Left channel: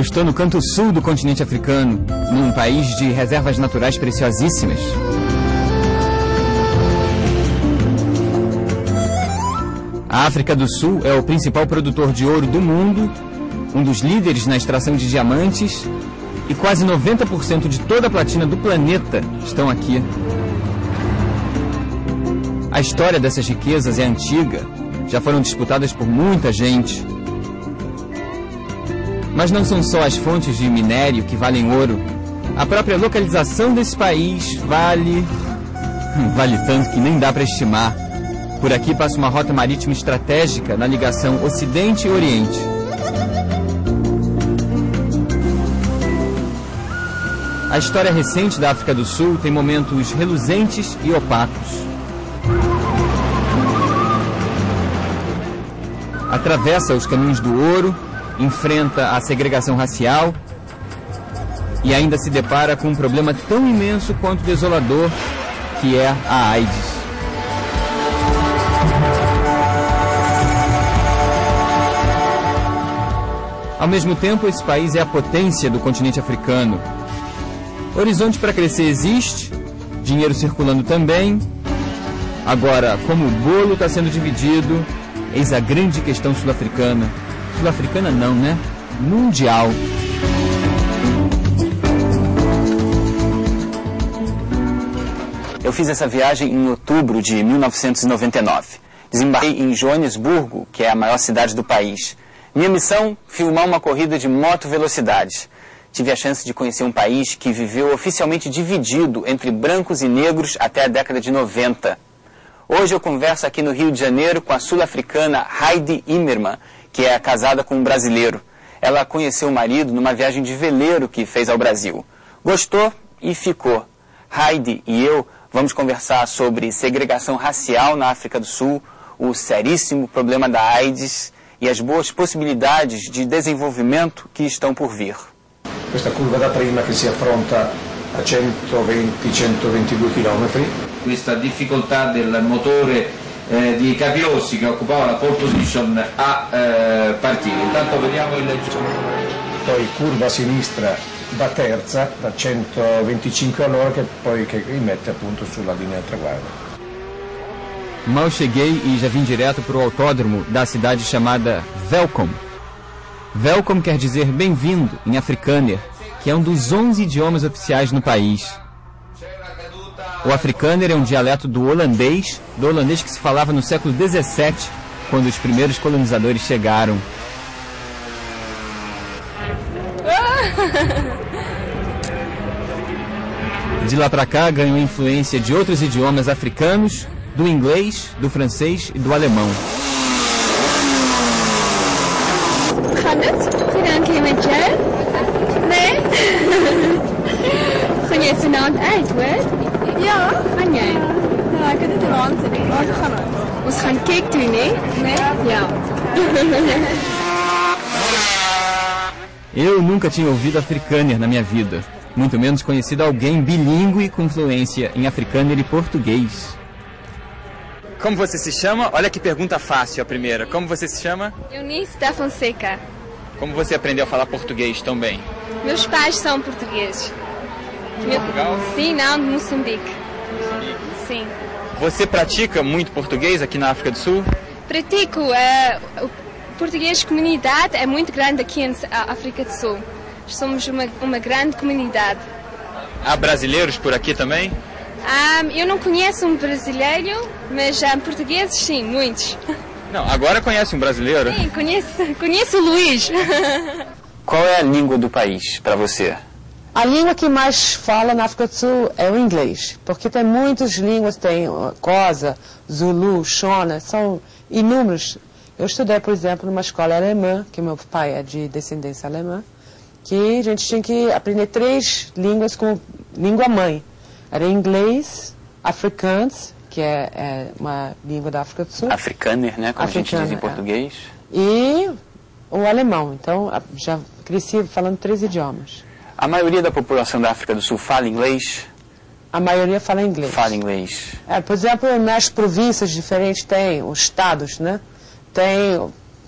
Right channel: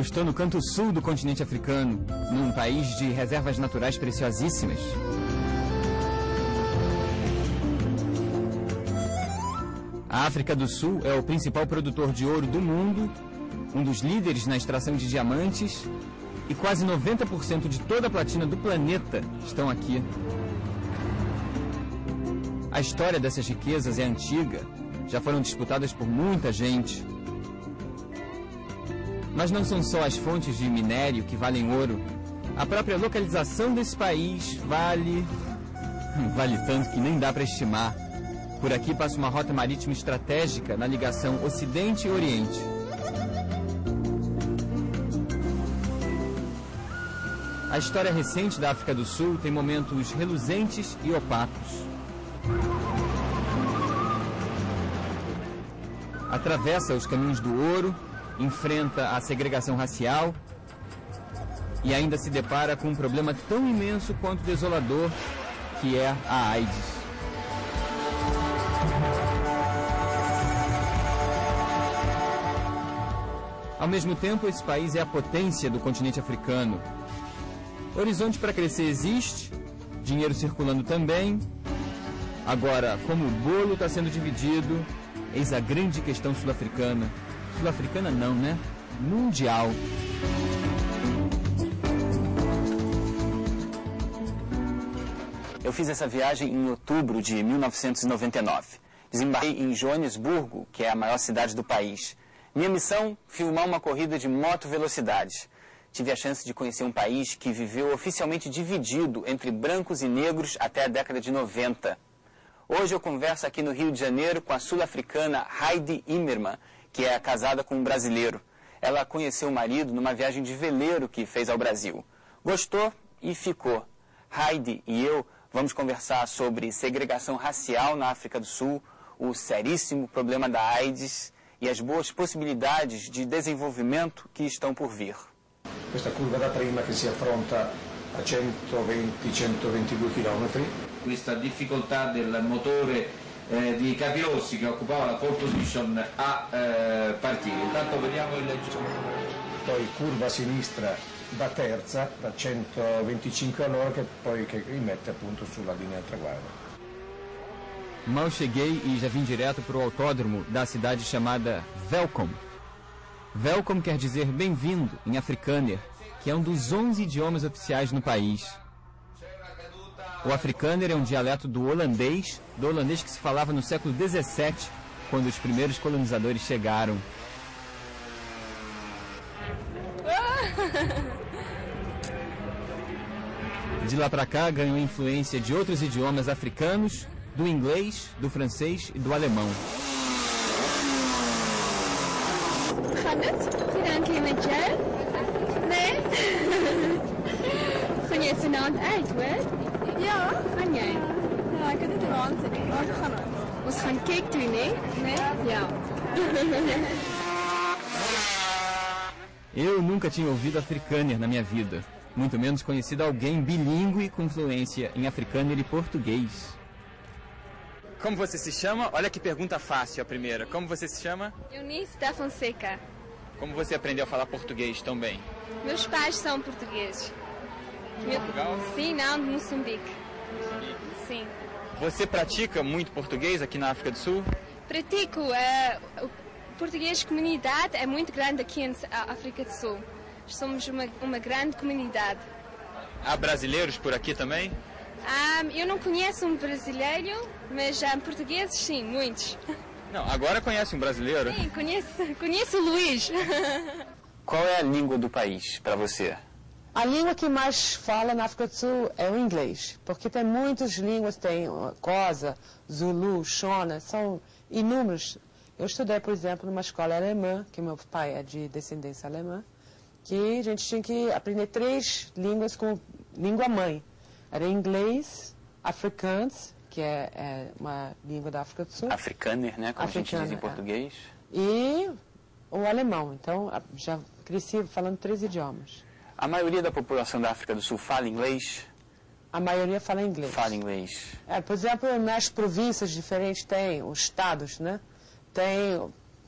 Eu estou no canto sul do continente africano, num país de reservas naturais preciosíssimas. A África do Sul é o principal produtor de ouro do mundo, um dos líderes na extração de diamantes, e quase 90% de toda a platina do planeta estão aqui. A história dessas riquezas é antiga, já foram disputadas por muita gente. Mas não são só as fontes de minério que valem ouro. A própria localização desse país vale tanto que nem dá para estimar. Por aqui passa uma rota marítima estratégica na ligação Ocidente e Oriente. A história recente da África do Sul tem momentos reluzentes e opacos. Atravessa os caminhos do ouro, enfrenta a segregação racial e ainda se depara com um problema tão imenso quanto desolador, que é a AIDS. Ao mesmo tempo, esse país é a potência do continente africano. Horizonte para crescer existe, dinheiro circulando também. Agora, como o bolo está sendo dividido, eis a grande questão sul-africana. Sul-africana não, né? Mundial. Eu fiz essa viagem em outubro de 1999. Desembarquei em Joanesburgo, que é a maior cidade do país. Minha missão, filmar uma corrida de moto velocidade. Tive a chance de conhecer um país que viveu oficialmente dividido entre brancos e negros até a década de 90. Hoje eu converso aqui no Rio de Janeiro com a sul-africana Heidi Immerman, que é casada com um brasileiro. Ela conheceu o marido numa viagem de veleiro que fez ao Brasil. Gostou e ficou. Heidi e eu vamos conversar sobre segregação racial na África do Sul, o seríssimo problema da AIDS e as boas possibilidades de desenvolvimento que estão por vir. Questa curva da prima che si affronta a 120-122 km. Questa difficoltà del motore di Capirossi che occupava la pole position a partire. Intanto vediamo il... Poi curva a sinistra da terza, da 125 all'ora, che poi rimette appunto sulla linea del traguardo. Mal cheguei e já vim direto para o autódromo da cidade chamada Welkom. Welkom quer dizer bem-vindo em afrikaner, que é um dos 11 idiomas oficiais no país. O afrikaner é um dialeto do holandês que se falava no século XVII, quando os primeiros colonizadores chegaram. De lá para cá ganhou influência de outros idiomas africanos, do inglês, do francês e do alemão. Conhece o nome Antwerp? Ja. Kan jij? Ja, ik heb het waanzinnig. We gaan cake doen, né? Ja. Eu nunca tinha ouvido afrikaner na minha vida, muito menos conhecido alguém bilíngue com fluência em afrikaner e português. Como você se chama? Olha que pergunta fácil a primeira. Como você se chama? Eunice da Fonseca. Como você aprendeu a falar português tão bem? Meus pais são portugueses. De Portugal? Sim, não, de Moçambique. Sim. Você pratica muito português aqui na África do Sul? Pratico. O português comunidade é muito grande aqui na África do Sul. Somos uma grande comunidade. Há brasileiros por aqui também? Eu não conheço um brasileiro, mas portugueses sim, muitos. Não, agora conhece um brasileiro? Sim, conheço o Luiz. Qual é a língua do país para você? A língua que mais fala na África do Sul é o inglês, porque tem muitas línguas, tem Xhosa, Zulu, Shona, são inúmeros. Eu estudei, por exemplo, numa escola alemã, que meu pai é de descendência alemã, que a gente tinha que aprender 3 línguas como língua mãe. Era inglês, afrikaans, que é uma língua da África do Sul. Afrikaner, né? Como a gente diz em português. E o alemão. Então, já cresci falando 3 idiomas. A maioria da população da África do Sul fala inglês? A maioria fala inglês. Fala inglês. Por exemplo, nas províncias diferentes tem os estados, né? Tem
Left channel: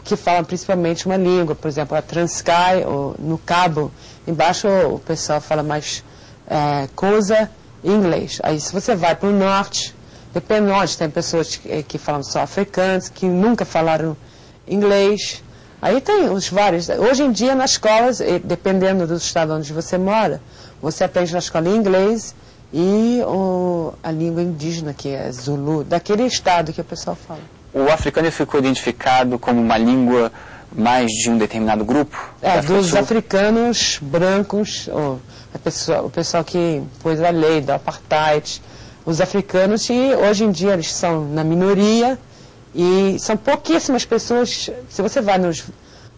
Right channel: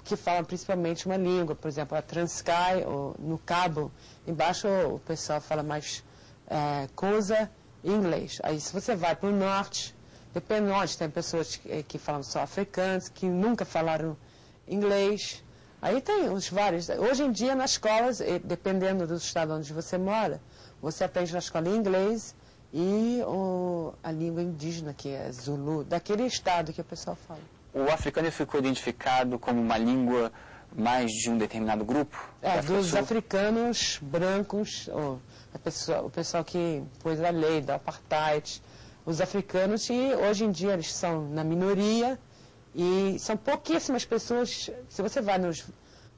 que falam principalmente uma língua, por exemplo, a Transkei, ou no Cabo, embaixo o pessoal fala mais coisa em inglês. Aí se você vai para o norte, depende de onde, tem pessoas que falam só africanos, que nunca falaram inglês. Aí tem os vários. Hoje em dia, nas escolas, dependendo do estado onde você mora, você aprende na escola em inglês e a língua indígena, que é Zulu, daquele estado que o pessoal fala. O africano ficou identificado como uma língua mais de um determinado grupo? Dos africanos brancos, o pessoal que pôs a lei do apartheid, os africanos, e hoje em dia eles são na minoria, e são pouquíssimas pessoas. Se você vai no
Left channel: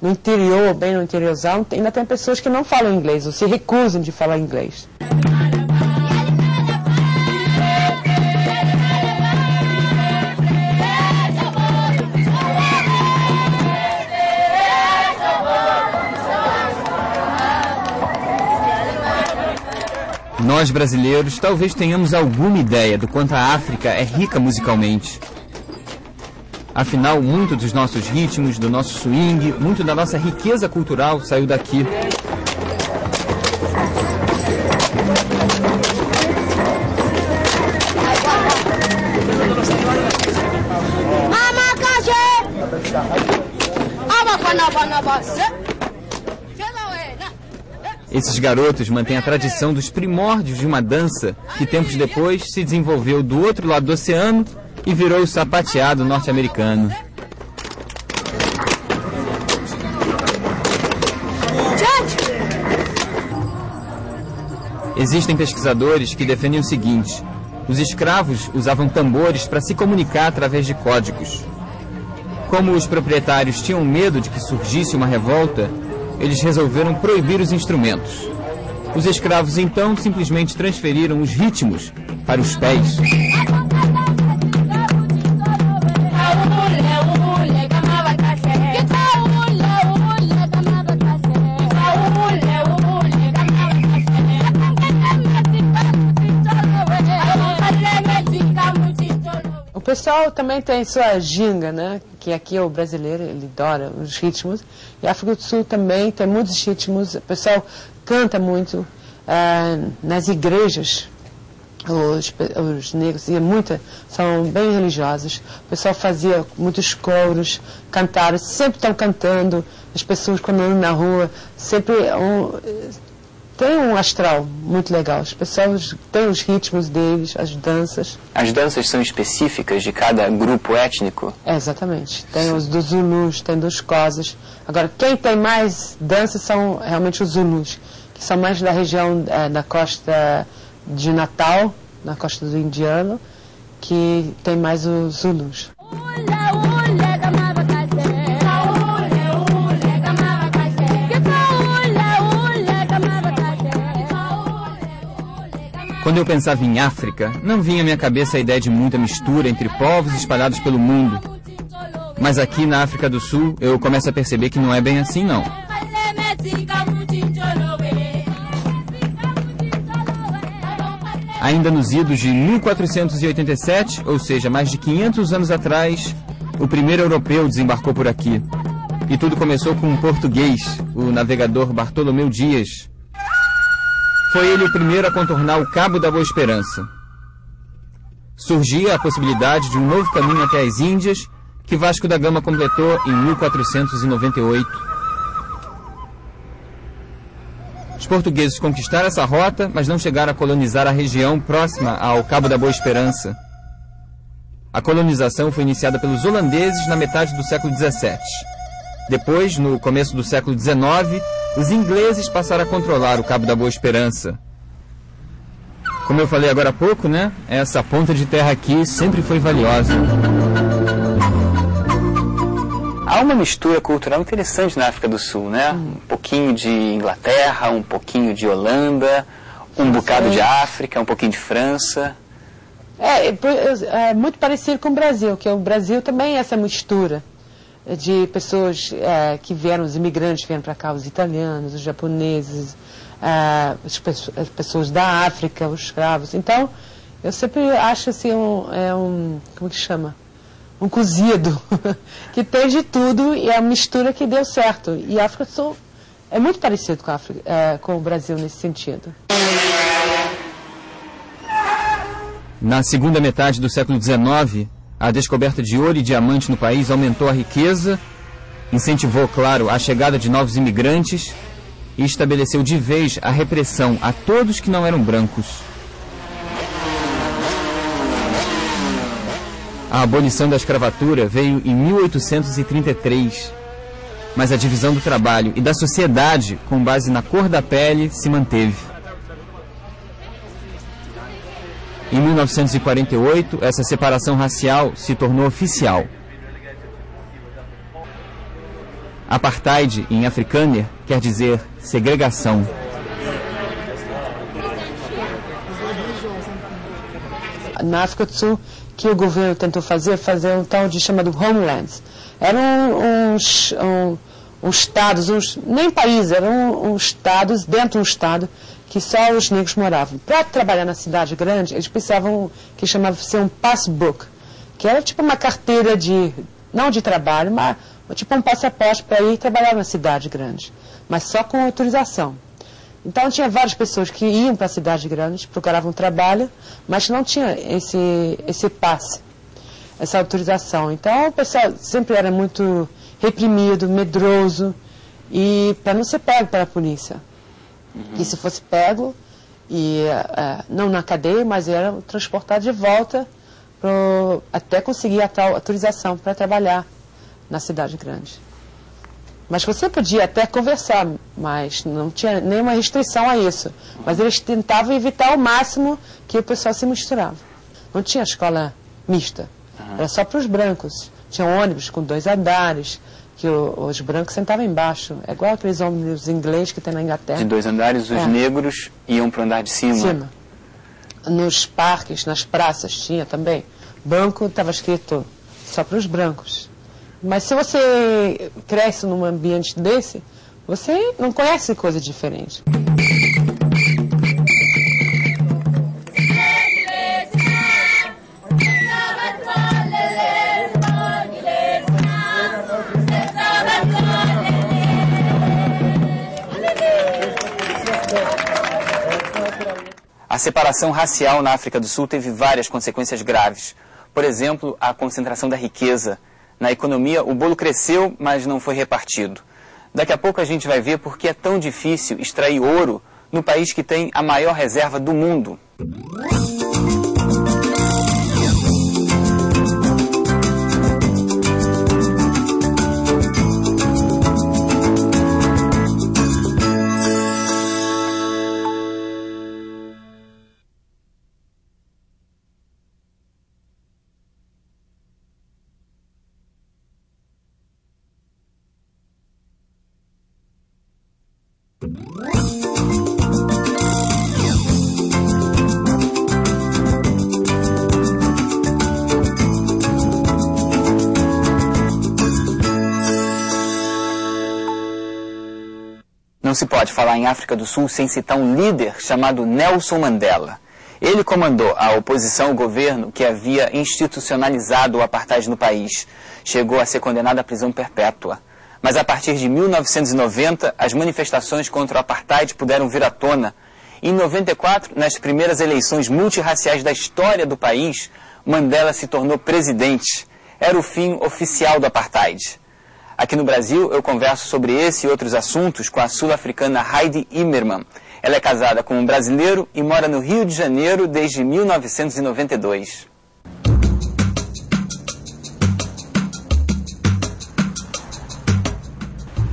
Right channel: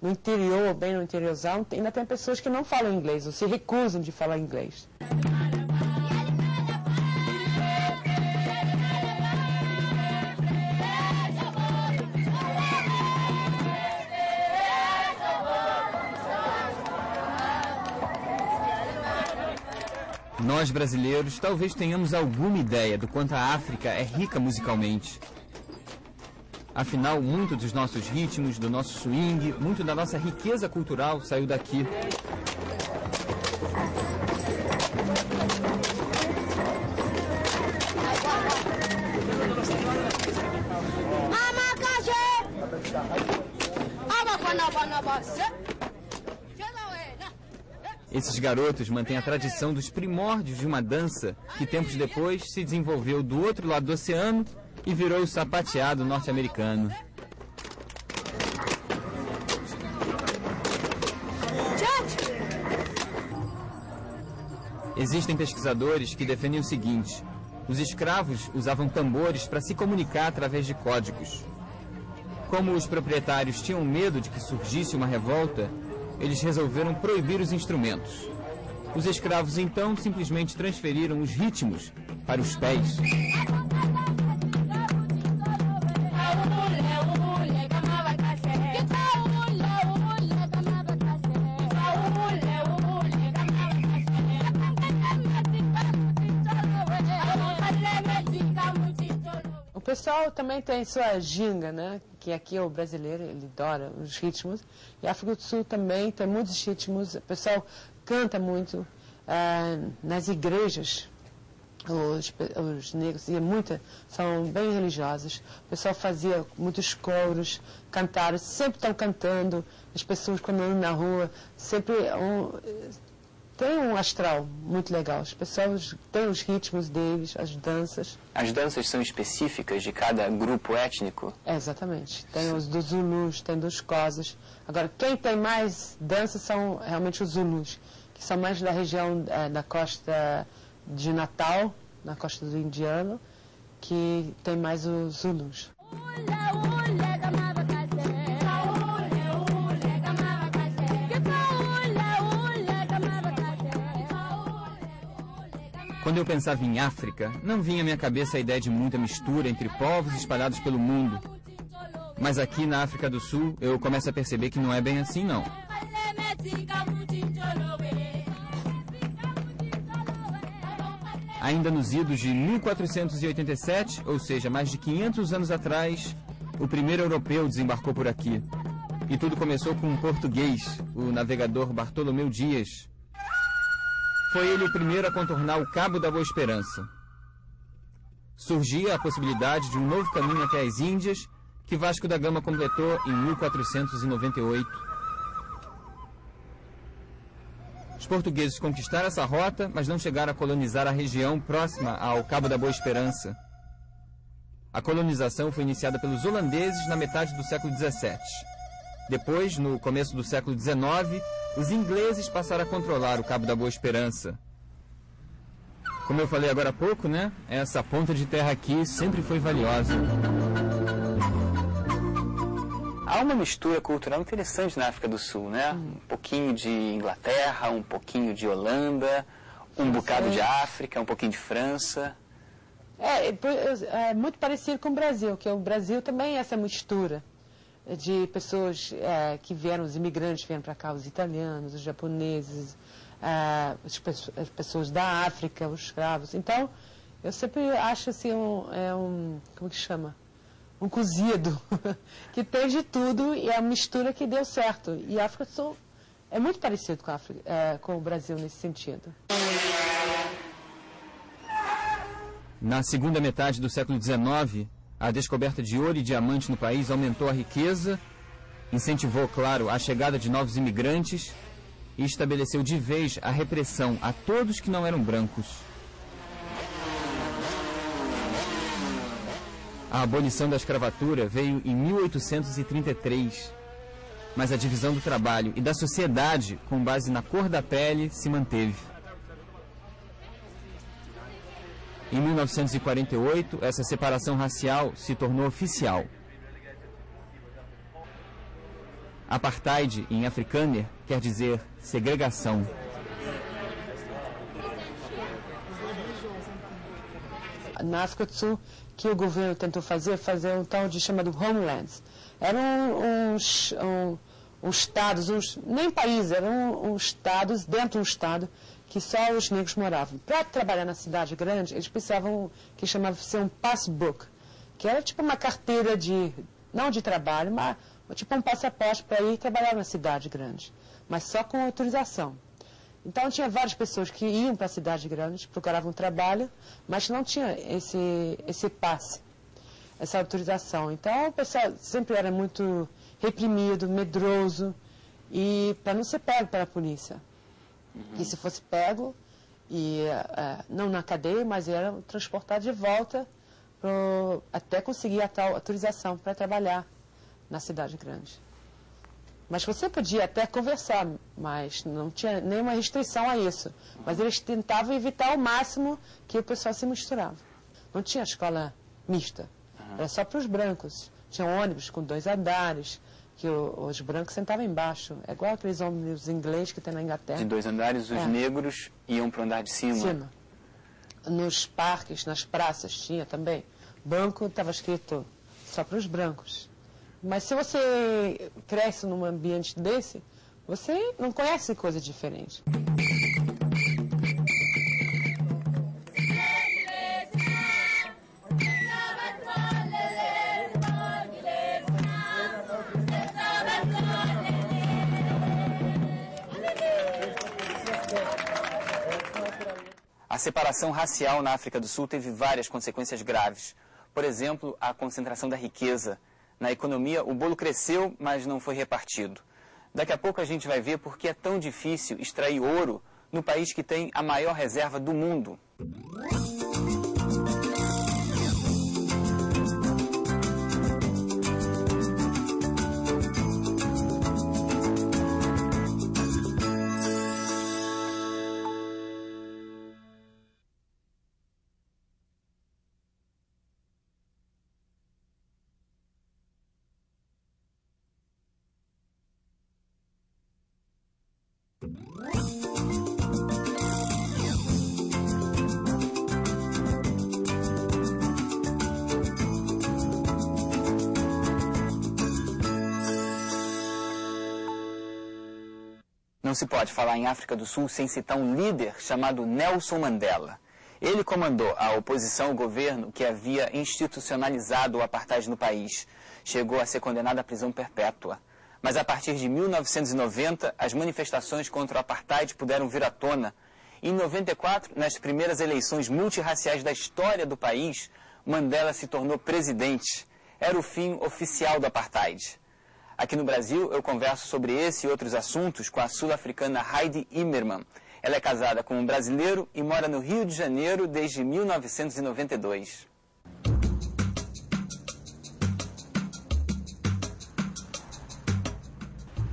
interior, bem no interiorzão, ainda tem pessoas que não falam inglês, ou se recusam de falar inglês. Nós, brasileiros, talvez tenhamos alguma ideia do quanto a África é rica musicalmente. Afinal, muito dos nossos ritmos, do nosso swing, muito da nossa riqueza cultural saiu daqui. Esses garotos mantêm a tradição dos primórdios de uma dança que tempos depois se desenvolveu do outro lado do oceano e virou o sapateado norte-americano. Existem pesquisadores que defendem o seguinte: os escravos usavam tambores para se comunicar através de códigos. Como os proprietários tinham medo de que surgisse uma revolta, eles resolveram proibir os instrumentos. Os escravos, então, simplesmente transferiram os ritmos para os pés. O pessoal também tem sua ginga, né? Que aqui é o brasileiro, ele adora os ritmos. E a África do Sul também tem muitos ritmos. O pessoal canta muito nas igrejas. Os negros são bem religiosos. O pessoal fazia muitos coros, cantaram, sempre estão cantando. As pessoas quando andam na rua, sempre tem um astral muito legal. As pessoas têm os ritmos deles, as danças. As danças são específicas de cada grupo étnico? Exatamente. Tem os dos Zulus, tem dos Xhosas. Agora, quem tem mais danças são realmente os Zulus, que são mais da região da costa de Natal, na costa do Indiano, que tem mais os Zulus. Quando eu pensava em África, não vinha à minha cabeça a ideia de muita mistura entre povos espalhados pelo mundo. Mas aqui na África do Sul, eu começo a perceber que não é bem assim, não. Ainda nos idos de 1487, ou seja, mais de 500 anos atrás, o primeiro europeu desembarcou por aqui. E tudo começou com um português, o navegador Bartolomeu Dias. Foi ele o primeiro a contornar o Cabo da Boa Esperança. Surgia a possibilidade de um novo caminho até as Índias, que Vasco da Gama completou em 1498. Os portugueses conquistaram essa rota, mas não chegaram a colonizar a região próxima ao Cabo da Boa Esperança. A colonização foi iniciada pelos holandeses na metade do século XVII. Depois, no começo do século XIX, os ingleses passaram a controlar o Cabo da Boa Esperança. Como eu falei agora há pouco, né? Essa ponta de terra aqui sempre foi valiosa. Há uma mistura cultural interessante na África do Sul, né? Um pouquinho de Inglaterra, um pouquinho de Holanda, um bocado de África, um pouquinho de França. É muito parecido com o Brasil, que o Brasil também é essa mistura de pessoas que vieram, os imigrantes vieram para cá, os italianos, os japoneses, as pessoas da África, os escravos. Então, eu sempre acho assim, como que chama? um cozido, que tem de tudo e é a mistura que deu certo. E a África do Sul é muito parecido com o Brasil nesse sentido. Na segunda metade do século XIX, a descoberta de ouro e diamante no país aumentou a riqueza, incentivou, claro, a chegada de novos imigrantes e estabeleceu de vez a repressão a todos que não eram brancos. A abolição da escravatura veio em 1833, mas a divisão do trabalho e da sociedade, com base na cor da pele, se manteve. Em 1948, essa separação racial se tornou oficial. Apartheid, em Afrikaner, quer dizer segregação. Na África do Sul, que o governo tentou fazer um tal de chamado homelands. Eram uns estados, nem países, eram uns estados dentro de um estado que só os negros moravam. Para trabalhar na cidade grande, eles precisavam que chamava de ser um passbook, que era tipo uma carteira não de trabalho, mas tipo um passaporte para ir trabalhar na cidade grande, mas só com autorização. Então tinha várias pessoas que iam para a cidade grande, procuravam trabalho, mas não tinha esse passe, essa autorização. Então o pessoal sempre era muito reprimido, medroso, e para não ser pego pela polícia. E se fosse pego, não na cadeia, mas era transportado de volta até conseguir a tal autorização para trabalhar na cidade grande. Mas você podia até conversar, mas não tinha nenhuma restrição a isso. Mas eles tentavam evitar ao máximo que o pessoal se misturava. Não tinha escola mista, era só para os brancos. Tinha ônibus com 2 andares, que os brancos sentavam embaixo. É igual aqueles ônibus ingleses que tem na Inglaterra. De 2 andares, os negros iam para o andar de cima. Nos parques, nas praças tinha também. Banco estava escrito só para os brancos. Mas se você cresce num ambiente desse, você não conhece coisa diferente. A separação racial na África do Sul teve várias consequências graves. Por exemplo, a concentração da riqueza. Na economia, o bolo cresceu, mas não foi repartido. Daqui a pouco a gente vai ver por que é tão difícil extrair ouro no país que tem a maior reserva do mundo. Não se pode falar em África do Sul sem citar um líder chamado Nelson Mandela. Ele comandou a oposição ao governo que havia institucionalizado o apartheid no país. Chegou a ser condenado à prisão perpétua. Mas a partir de 1990, as manifestações contra o apartheid puderam vir à tona. Em 94, nas primeiras eleições multirraciais da história do país, Mandela se tornou presidente. Era o fim oficial do apartheid. Aqui no Brasil, eu converso sobre esse e outros assuntos com a sul-africana Heidi Imerman. Ela é casada com um brasileiro e mora no Rio de Janeiro desde 1992.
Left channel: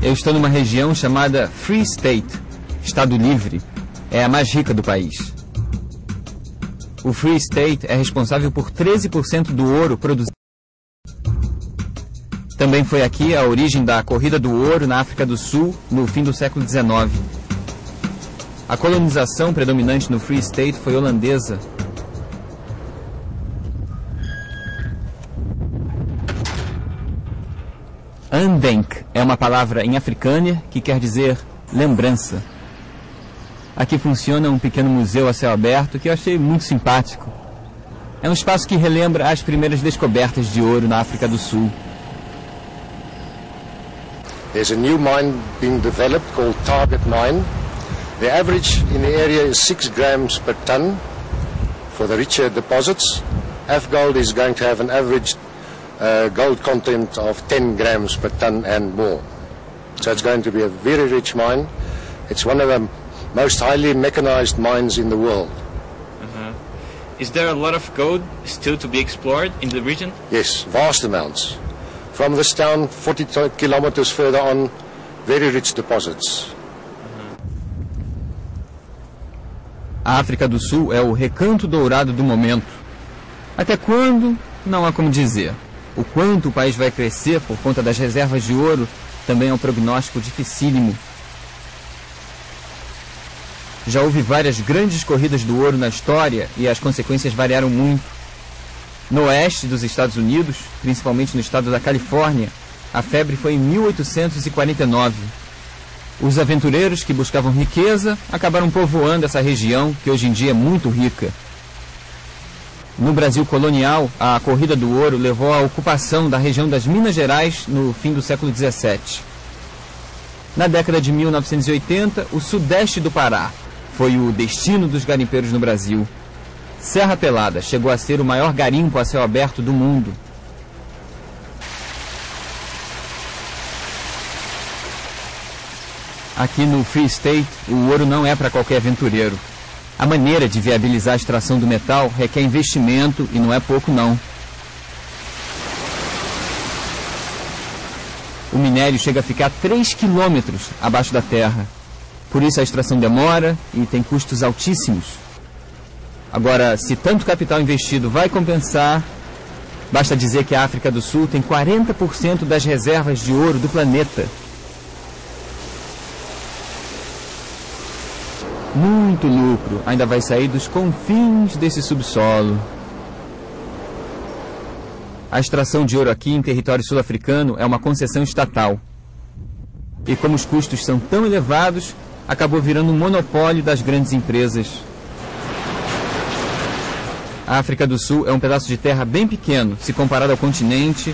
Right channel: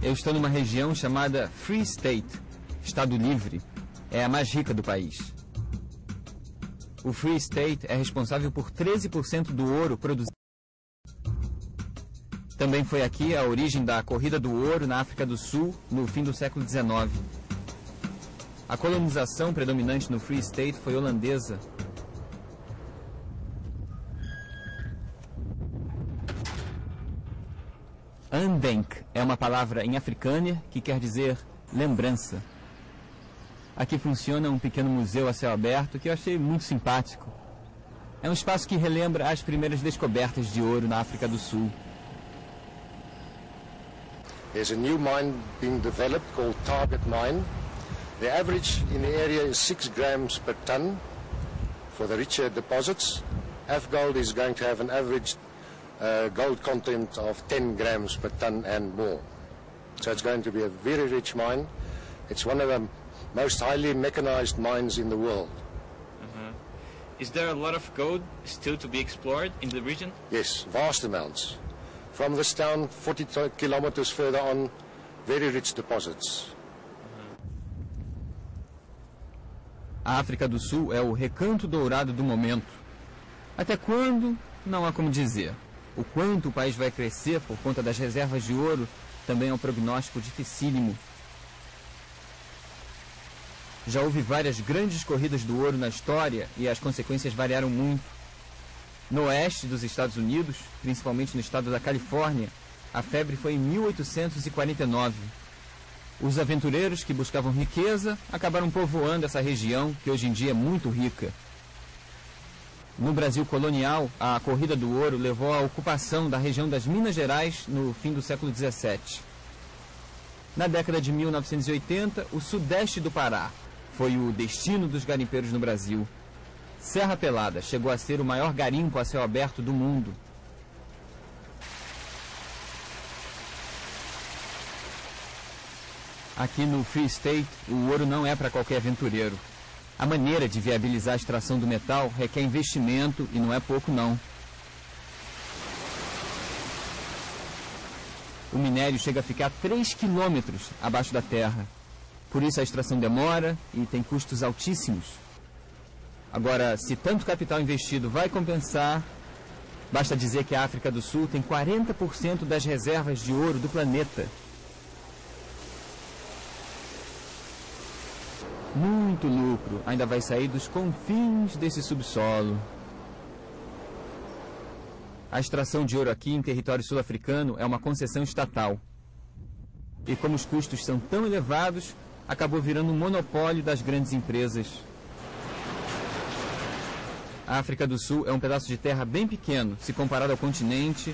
Eu estou numa região chamada Free State, Estado Livre. É a mais rica do país. O Free State é responsável por 13% do ouro produzido. Também foi aqui a origem da corrida do ouro na África do Sul no fim do século XIX. A colonização predominante no Free State foi holandesa. Andenk é uma palavra em Afrikaner que quer dizer lembrança. Aqui funciona um pequeno museu a céu aberto que eu achei muito simpático. É um espaço que relembra as primeiras descobertas de ouro na África do Sul. There's a new mine being developed called Target Mine. The average in the area is 6 grams per ton for the richer deposits. F-Gold is going to have an average gold content of 10 grams per ton and more. So it's going to be a very rich mine. It's one of the most highly mechanized mines in the world. Is there a lot of gold still to be explored in the region? Yes, vast amounts. From this town, 40 kilometers further on, very rich deposits. A África do Sul é o recanto dourado do momento. Até quando? Não há como dizer. O quanto o país vai crescer por conta das reservas de ouro também é um prognóstico dificílimo. Já houve várias grandes corridas do ouro na história e as consequências variaram muito. No oeste dos Estados Unidos, principalmente no estado da Califórnia, a febre foi em 1849. Os aventureiros que buscavam riqueza acabaram povoando essa região, que hoje em dia é muito rica. No Brasil colonial, a corrida do ouro levou à ocupação da região das Minas Gerais no fim do século XVII. Na década de 1980, o sudeste do Pará foi o destino dos garimpeiros no Brasil. Serra Pelada chegou a ser o maior garimpo a céu aberto do mundo. Aqui no Free State, o ouro não é para qualquer aventureiro. A maneira de viabilizar a extração do metal requer investimento e não é pouco não. O minério chega a ficar 3 quilômetros abaixo da terra. Por isso a extração demora e tem custos altíssimos. Agora, se tanto capital investido vai compensar, basta dizer que a África do Sul tem 40% das reservas de ouro do planeta. Muito lucro ainda vai sair dos confins desse subsolo. A extração de ouro aqui em território sul-africano é uma concessão estatal. E como os custos são tão elevados, acabou virando um monopólio das grandes empresas. A África do Sul é um pedaço de terra bem pequeno, se comparado ao continente,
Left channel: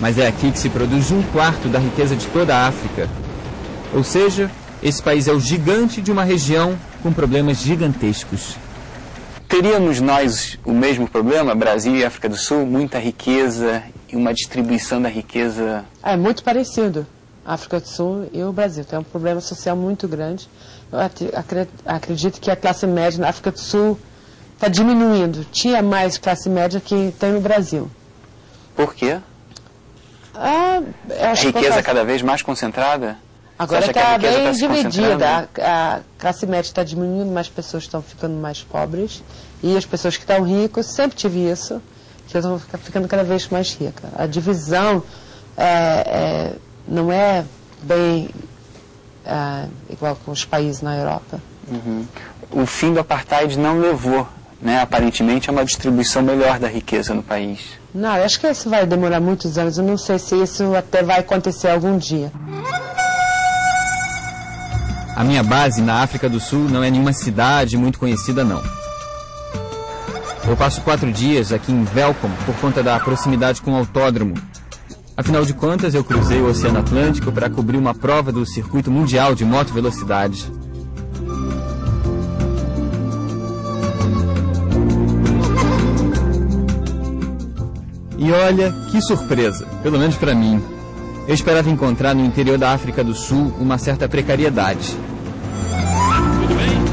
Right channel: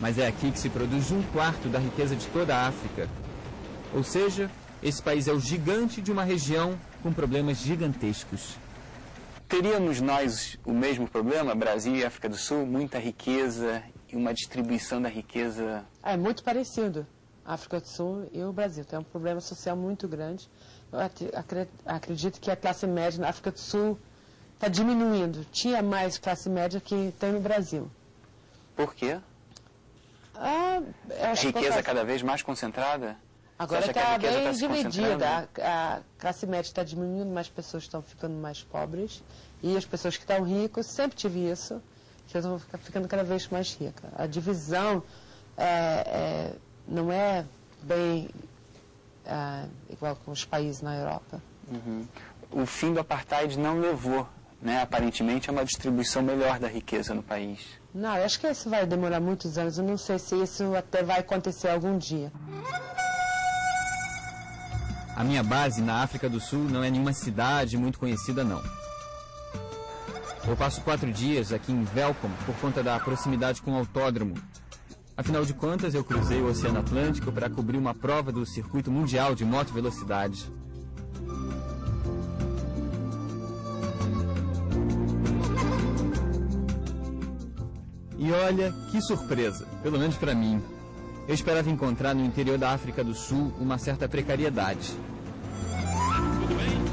mas é aqui que se produz 1/4 da riqueza de toda a África. Ou seja, esse país é o gigante de uma região com problemas gigantescos. Teríamos nós o mesmo problema, Brasil e África do Sul? Muita riqueza e uma distribuição da riqueza... É muito parecido. A África do Sul e o Brasil tem um problema social muito grande. Eu acredito que a classe média na África do Sul está diminuindo. Tinha mais classe média que tem no Brasil. Por quê? A riqueza cada vez mais concentrada? Agora está bem dividida. A classe média está diminuindo, mas as pessoas estão ficando mais pobres. E as pessoas que estão ricas, sempre tive isso, que estão ficando cada vez mais ricas. A divisão não é bem igual com os países na Europa. Uhum. O fim do apartheid não levou, né, aparentemente, a uma distribuição melhor da riqueza no país. Não, eu acho que isso vai demorar muitos anos. Eu não sei se isso até vai acontecer algum dia. A minha base na África do Sul não é nenhuma cidade muito conhecida, não. Eu passo 4 dias aqui em Welkom por conta da proximidade com o autódromo. Afinal de contas, eu cruzei o Oceano Atlântico para cobrir uma prova do circuito mundial de moto velocidade. E olha, que surpresa, pelo menos para mim. Eu esperava encontrar no interior da África do Sul uma certa precariedade. Tudo bem?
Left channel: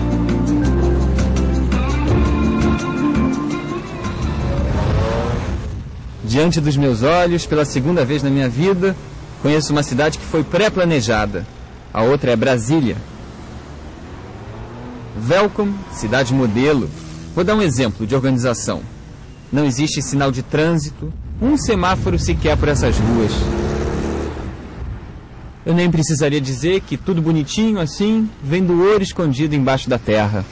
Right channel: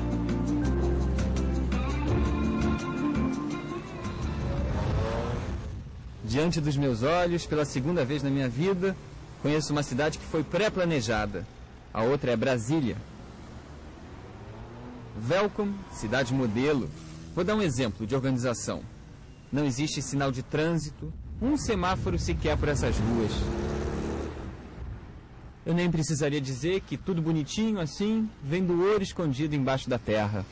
Diante dos meus olhos, pela segunda vez na minha vida, conheço uma cidade que foi pré-planejada. A outra é Brasília. Welkom, cidade modelo. Vou dar um exemplo de organização. Não existe sinal de trânsito, um semáforo sequer por essas ruas. Eu nem precisaria dizer que tudo bonitinho assim vem do ouro escondido embaixo da terra.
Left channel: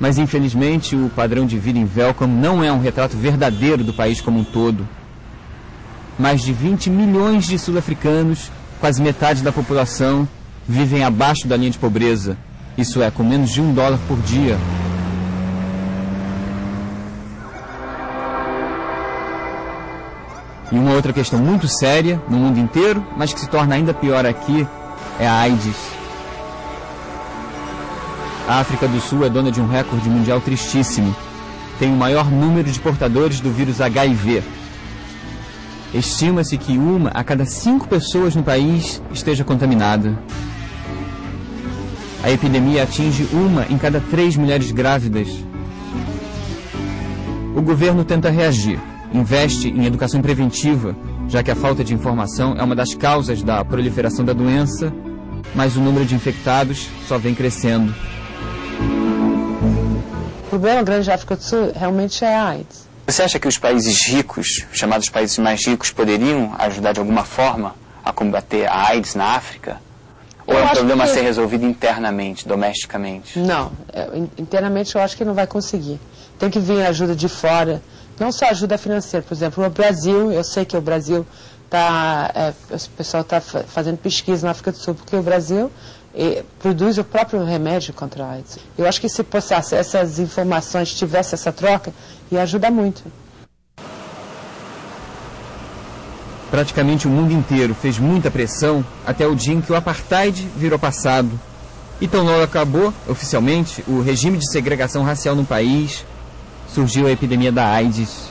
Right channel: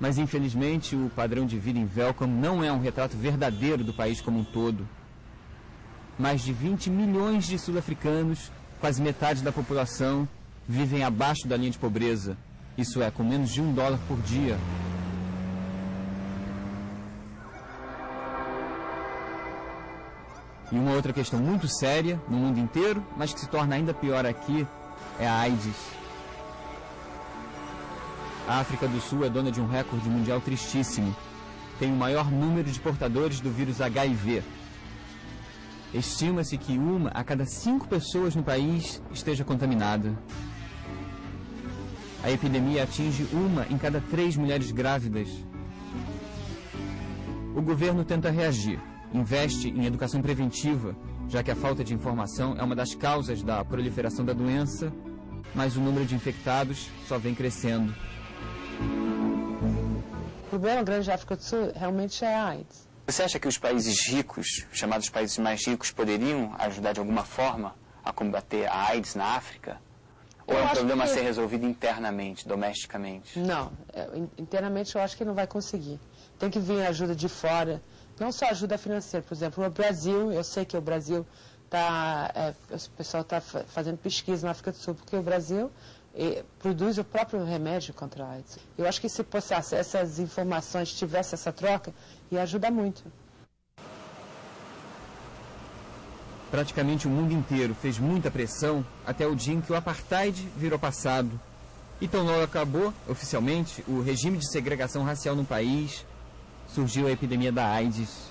Mas infelizmente o padrão de vida em Welkom não é um retrato verdadeiro do país como um todo. Mais de 20 milhões de sul-africanos, quase metade da população, vivem abaixo da linha de pobreza. Isso é, com menos de $1 por dia. E uma outra questão muito séria no mundo inteiro, mas que se torna ainda pior aqui, é a AIDS. A África do Sul é dona de um recorde mundial tristíssimo. Tem o maior número de portadores do vírus HIV. Estima-se que 1 a cada 5 pessoas no país esteja contaminada. A epidemia atinge 1 em cada 3 mulheres grávidas. O governo tenta reagir, investe em educação preventiva, já que a falta de informação é uma das causas da proliferação da doença, mas o número de infectados só vem crescendo. O problema grande da África do Sul realmente é a AIDS. Você acha que os países ricos, chamados países mais ricos, poderiam ajudar de alguma forma a combater a AIDS na África? Ou é um problema a ser resolvido internamente, domesticamente? Não, internamente eu acho que não vai conseguir. Tem que vir ajuda de fora, não só ajuda financeira. Por exemplo, o Brasil, eu sei que o Brasil o pessoal está fazendo pesquisa na África do Sul, porque o Brasil produz o próprio remédio contra a AIDS. Eu acho que se passasse essas informações, tivesse essa troca, ia ajudar muito. Praticamente o mundo inteiro fez muita pressão até o dia em que o apartheid virou passado. E tão logo acabou, oficialmente, o regime de segregação racial no país, surgiu a epidemia da AIDS.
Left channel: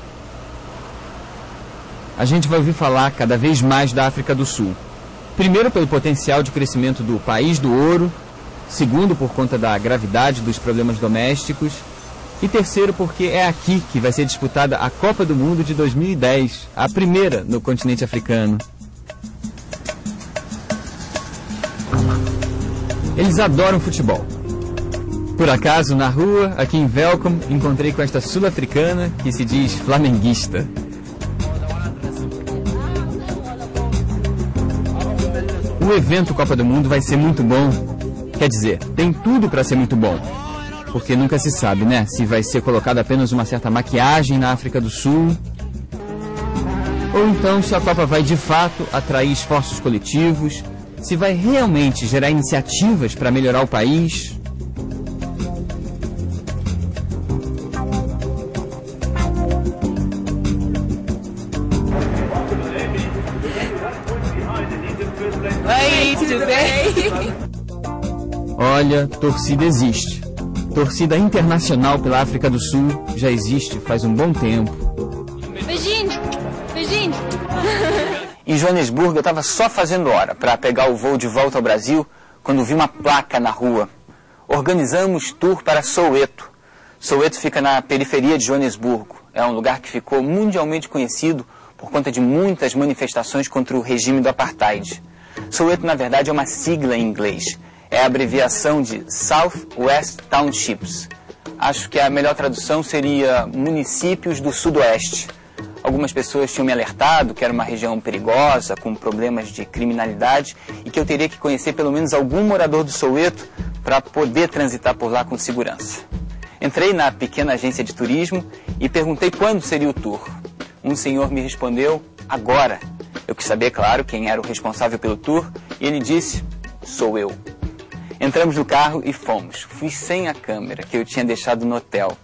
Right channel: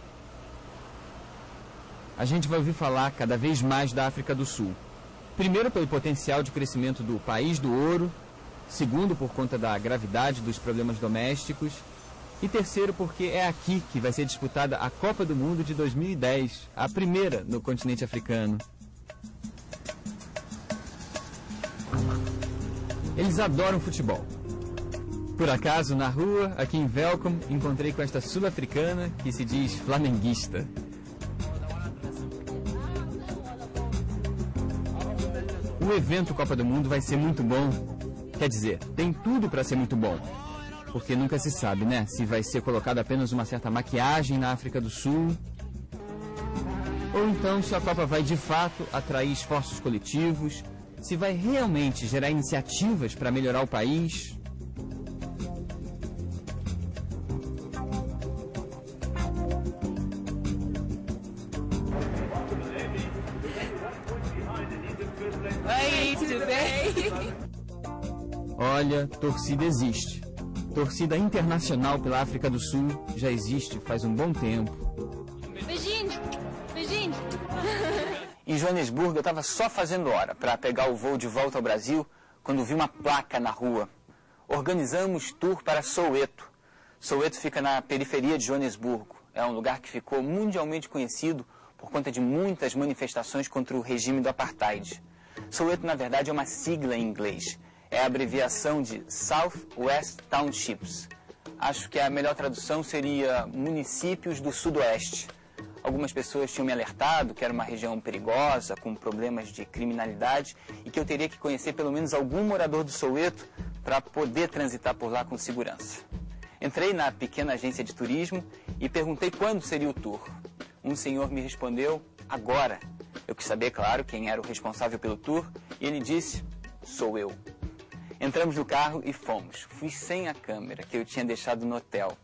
A gente vai ouvir falar cada vez mais da África do Sul. Primeiro, pelo potencial de crescimento do país do ouro. Segundo, por conta da gravidade dos problemas domésticos. E terceiro, porque é aqui que vai ser disputada a Copa do Mundo de 2010, a primeira no continente africano. Eles adoram futebol. Por acaso, na rua, aqui em Welkom, encontrei com esta sul-africana que se diz flamenguista. O evento Copa do Mundo vai ser muito bom. Quer dizer, tem tudo para ser muito bom. Porque nunca se sabe, né? Se vai ser colocada apenas uma certa maquiagem na África do Sul. Ou então se a Copa vai de fato atrair esforços coletivos. Se vai realmente gerar iniciativas para melhorar o país. Olha, torcida existe. Torcida internacional pela África do Sul já existe faz um bom tempo. Beijinho! Beijinho! Em Joanesburgo, eu estava só fazendo hora para pegar o voo de volta ao Brasil quando vi uma placa na rua. Organizamos tour para Soweto. Soweto fica na periferia de Joanesburgo. É um lugar que ficou mundialmente conhecido por conta de muitas manifestações contra o regime do apartheid. Soweto, na verdade, é uma sigla em inglês. É a abreviação de South West Townships. Acho que a melhor tradução seria municípios do Sudoeste. Algumas pessoas tinham me alertado que era uma região perigosa, com problemas de criminalidade, e que eu teria que conhecer pelo menos algum morador do Soweto para poder transitar por lá com segurança. Entrei na pequena agência de turismo e perguntei quando seria o tour. Um senhor me respondeu, agora. Eu quis saber, claro, quem era o responsável pelo tour, e ele disse, sou eu. Entramos no carro e fomos. Fui sem a câmera, que eu tinha deixado no hotel.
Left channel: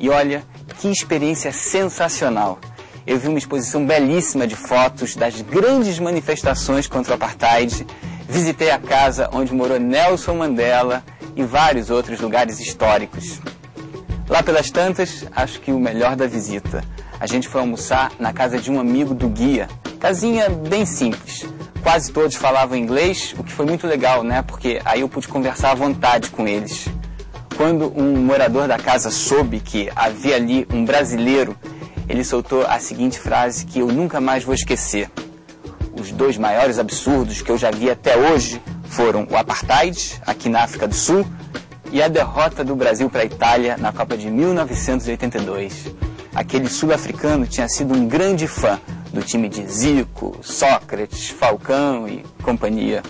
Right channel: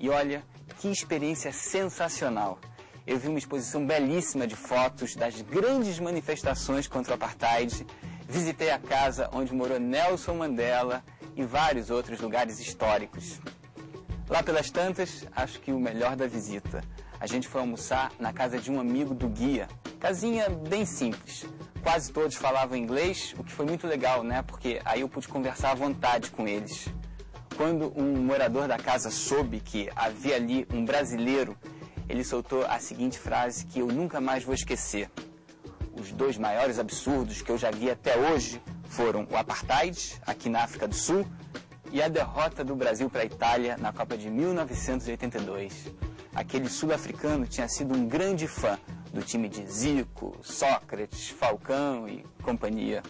E olha, que experiência sensacional. Eu vi uma exposição belíssima de fotos das grandes manifestações contra o apartheid. Visitei a casa onde morou Nelson Mandela e vários outros lugares históricos. Lá pelas tantas, acho que o melhor da visita. A gente foi almoçar na casa de um amigo do guia. Casinha bem simples. Quase todos falavam inglês, o que foi muito legal, né? Porque aí eu pude conversar à vontade com eles. Quando um morador da casa soube que havia ali um brasileiro, ele soltou a seguinte frase que eu nunca mais vou esquecer. Os 2 maiores absurdos que eu já vi até hoje foram o apartheid, aqui na África do Sul, e a derrota do Brasil para a Itália na Copa de 1982. Aquele sul-africano tinha sido um grande fã do time de Zico, Sócrates, Falcão e companhia.